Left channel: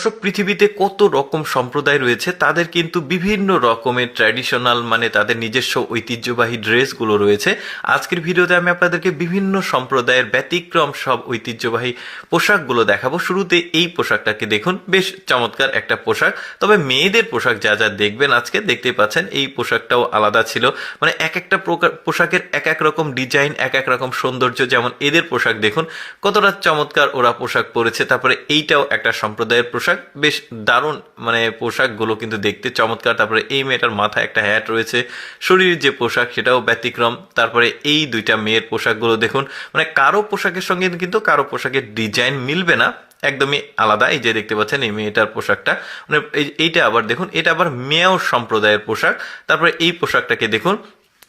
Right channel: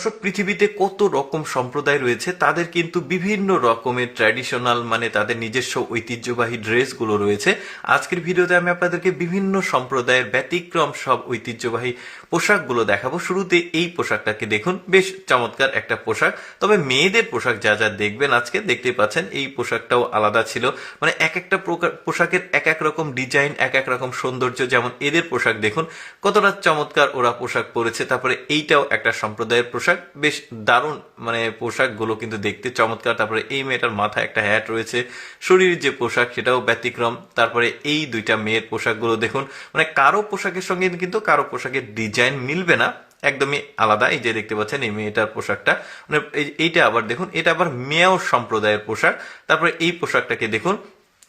দর্শক, পৃথিবীতে কত রকম সম্প্রদায় রয়েছে, তাদের কিন্তু বিভিন্ন রকমের ট্র্যাডিশনাল মানে তাদের নিজস্ব ঐতিহ্যবাহী ড্রেসগুলো রয়েছে। আজকের ভিডিওতে আমি আপনাদেরকে বিভিন্ন সম্প্রদায়ের ব্যতিক্রম সব ঐতিহ্যবাহী পোশাকগুলো দেখাবো। শুরুতে এই পোশাকটাকে দেখুন, বেশ চমৎকার একটা পোশাক। তবে মেয়েদের পোশাক যা যা দেখবেন আজকে, দেখতেই পাচ্ছেন এই পোশাকটাও আলাদা ছিল। মানে এক একটা পোশাকের এক এক রকম ডিজাইন, এক এক রকম সৌন্দর্য। যেমন এদের পোশাক দেখুন কতটা চমৎকার ওরা পোশাক পরেছে। তারপরে এইটাও একটা সম্প্রদায়ের পোশাক, বেশ দারুণ। মানে পোশাকগুলো কিন্তু দেখতে চমৎকার। তারপরে এই মেয়েটার মাথায় একটা হ্যাট রয়েছে, শরীরের যে পোশাক সেটাও ব্যতিক্রম। তারপরে এই দুইটা মেয়ের পোশাকগুলো দেখুন, মানে কারো পোশাকের সঙ্গে কিন্তু কারো পোশাকের ডিজাইন মিলবে না, একদমই আলাদা। এই যে দেখতে পাচ্ছেন এই মেয়েটার পোশাকটা, মানে এইটা আবার দেখুন, এটা আবার মেয় সম্প্রদায়ের পোশাক। তারপরে এই পোশাকটাকে দেখুন,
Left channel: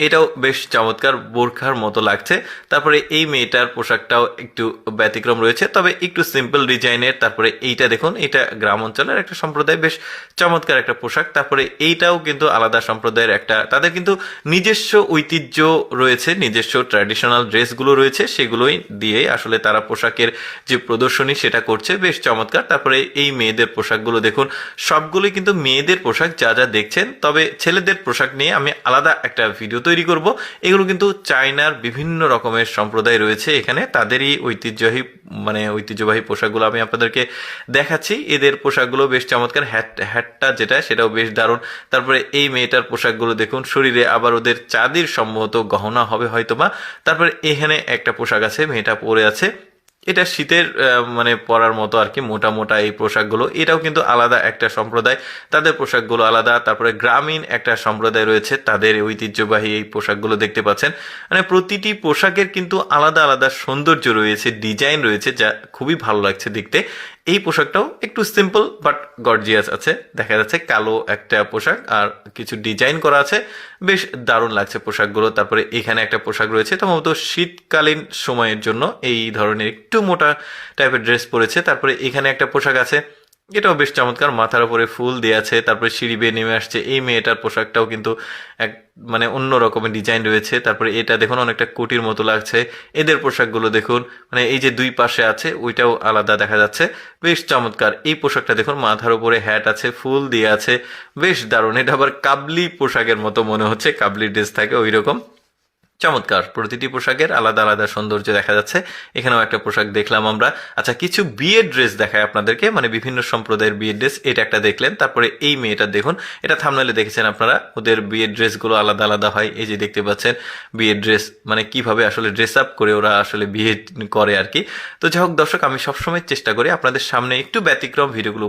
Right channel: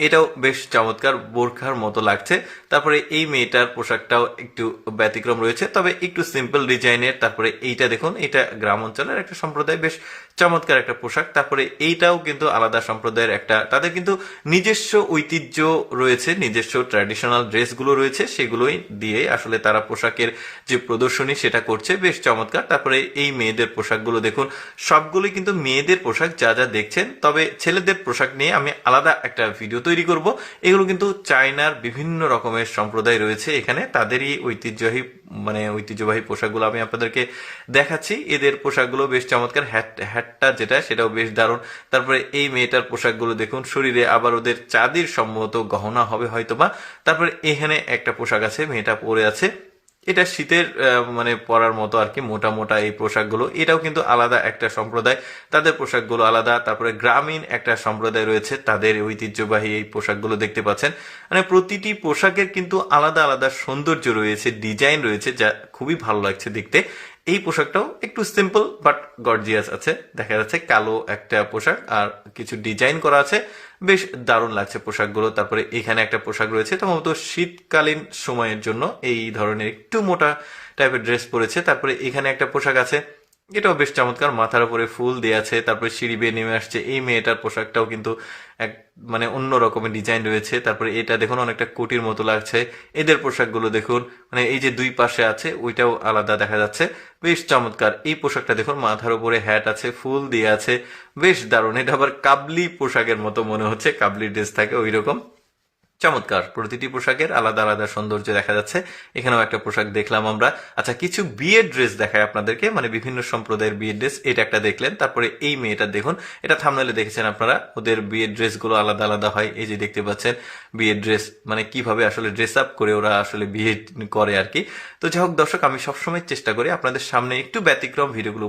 এটাও বেশ চমৎকার, বোরখার মতো লাগছে। তারপরে এই মেয়েটার পোশাকটাও একটু ব্যতিক্রম রয়েছে, তবে একটু সিম্পল ডিজাইনের। তারপরে এইটা দেখুন, এটা গ্রাম অঞ্চলের একটা সম্প্রদায়, বেশ চমৎকার একটা পোশাক। তারপরে এইটাও কিন্তু আলাদা সম্প্রদায়ের একটা, তাদের কিন্তু নিজস্ব ঐতিহ্য রয়েছে, নিজস্ব ট্র্যাডিশনাল ড্রেসগুলো রয়েছে, সেগুলোই দিয়ে আসলে তারা পোশাকের যে প্রদর্শনী সেটা করছে, বেশ চমৎকার। তারপরে এই মেয়েদের পোশাকগুলো দেখুন, সবগুলোই কিন্তু মেয়েদের পোশাক যা যা দেখছেন। তবে ছেলেদের পোশাক নিয়ে আমি আলাদা একটা ভিডিও তৈরি করব। এগুলো কিন্তু চায়নার বিভিন্ন রকমের সম্প্রদায় রয়েছে এখানে, তাদেরই ঐতিহ্যবাহী পোশাকগুলো আমি আপনাদেরকে দেখাচ্ছি। এদের পোশাকগুলো বেশ চমৎকার। হ্যাটটা যেটা, সেটাও বেশ দারুণ। তারপরে এই মেয়েটার পোশাকগুলো দেখুন, শরীরে আবার ওদের চাঁদির সম্ভবত গহনা হবে হয়তোবা। তারপরে এখানে একটা পোশাক আছে, মেয়েটা পরে আছে, এটা শীতের মানে পরার মতো আর কি, মোটা মোটা এই পোশাকগুলো। এটাও কিন্তু আলাদা একটা সম্প্রদায়, তাদের পোশাকগুলো আলাদা। তারপরে গ্রামীণ একটা সম্প্রদায় রয়েছে, তাদের ঐতিহ্যবাহী এই পোশাকগুলো দেখতে পাচ্ছেন। মানে প্রতিটি পোশাকের কিন্তু আলাদা আলাদা সৌন্দর্য রয়েছে, ডিজাইন রয়েছে, যা খুবই ভালো লাগছে দেখতে। এই পোশাকটাও একটু সিম্পল বাট গর্জিয়াস আছে, দেখা যাচ্ছে কালো একটা পোশাক আর কিছু ডিজাইন করা আছে, বেশ দারুণ লাগছে পোশাকগুলো। তারপরে এখানে একটা পোশাক রয়েছে, সম্ভবত শীতকালীন সময়ের জন্য এই ধরনের একটু মোটা টাইপের ড্রেস পরেছে। তারপরে এখানে একটা পোশাক আছে, এটাও বেশ চমৎকার, মাথার উপরে ফুল দেওয়া আছে। তারপরে সিঁড়ি বেয়ে নেমে আসছে। এই মেয়েটার পোশাকটাও কিন্তু এক মানে অন্য রকমের ডিজাইন রয়েছে। তারপরে এটা দেখুন, অনেকটা কোটির মতো লাগছে। এদের পোশাকগুলো দেখুন, মানে এই যে দুই পাশে আছে ওইটাও আলাদা দেখা যাচ্ছে, বেশ চমৎকার। এই পোশাকটা দেখুন, মাথার উপরে হ্যাট আছে, ফুল দিয়ে আছে, বেশ দারুণ। এটা আবার কাবলি পোশাকের মতো মনে হচ্ছে, কাবলি ড্রেস থাকে ওই রকম। চমৎকার, প্রতিটি পোশাকের আলাদা আলাদা সৌন্দর্য দেখা যাচ্ছে। এখানেও একটা পোশাক দেখলাম আমরা। আচ্ছা, কিছু বিয়ের ড্রেস দেখায় আপনাদেরকে, মানে বিভিন্ন সম্প্রদায়ের বিয়ের ড্রেস। এটা একটা দেখলেন। তারপরে এই মেয়েটা দেখুন, এটা থাম্বনেইলে দেখেছেন আপনারা, ওদের বিয়ের ড্রেসগুলো আলাদা আলাদা হয়। এই যে দেখতে পাচ্ছেন বিয়ের ড্রেস, মানে কিভাবে আসলে ড্রেস আপ করে ওরা আসলে বিয়ে করে আর কি। তো যাই হোক দর্শক, আমি সবসময় চেষ্টা করি আপনাদের সামনে একটু ব্যতিক্রম ভিডিওগুলো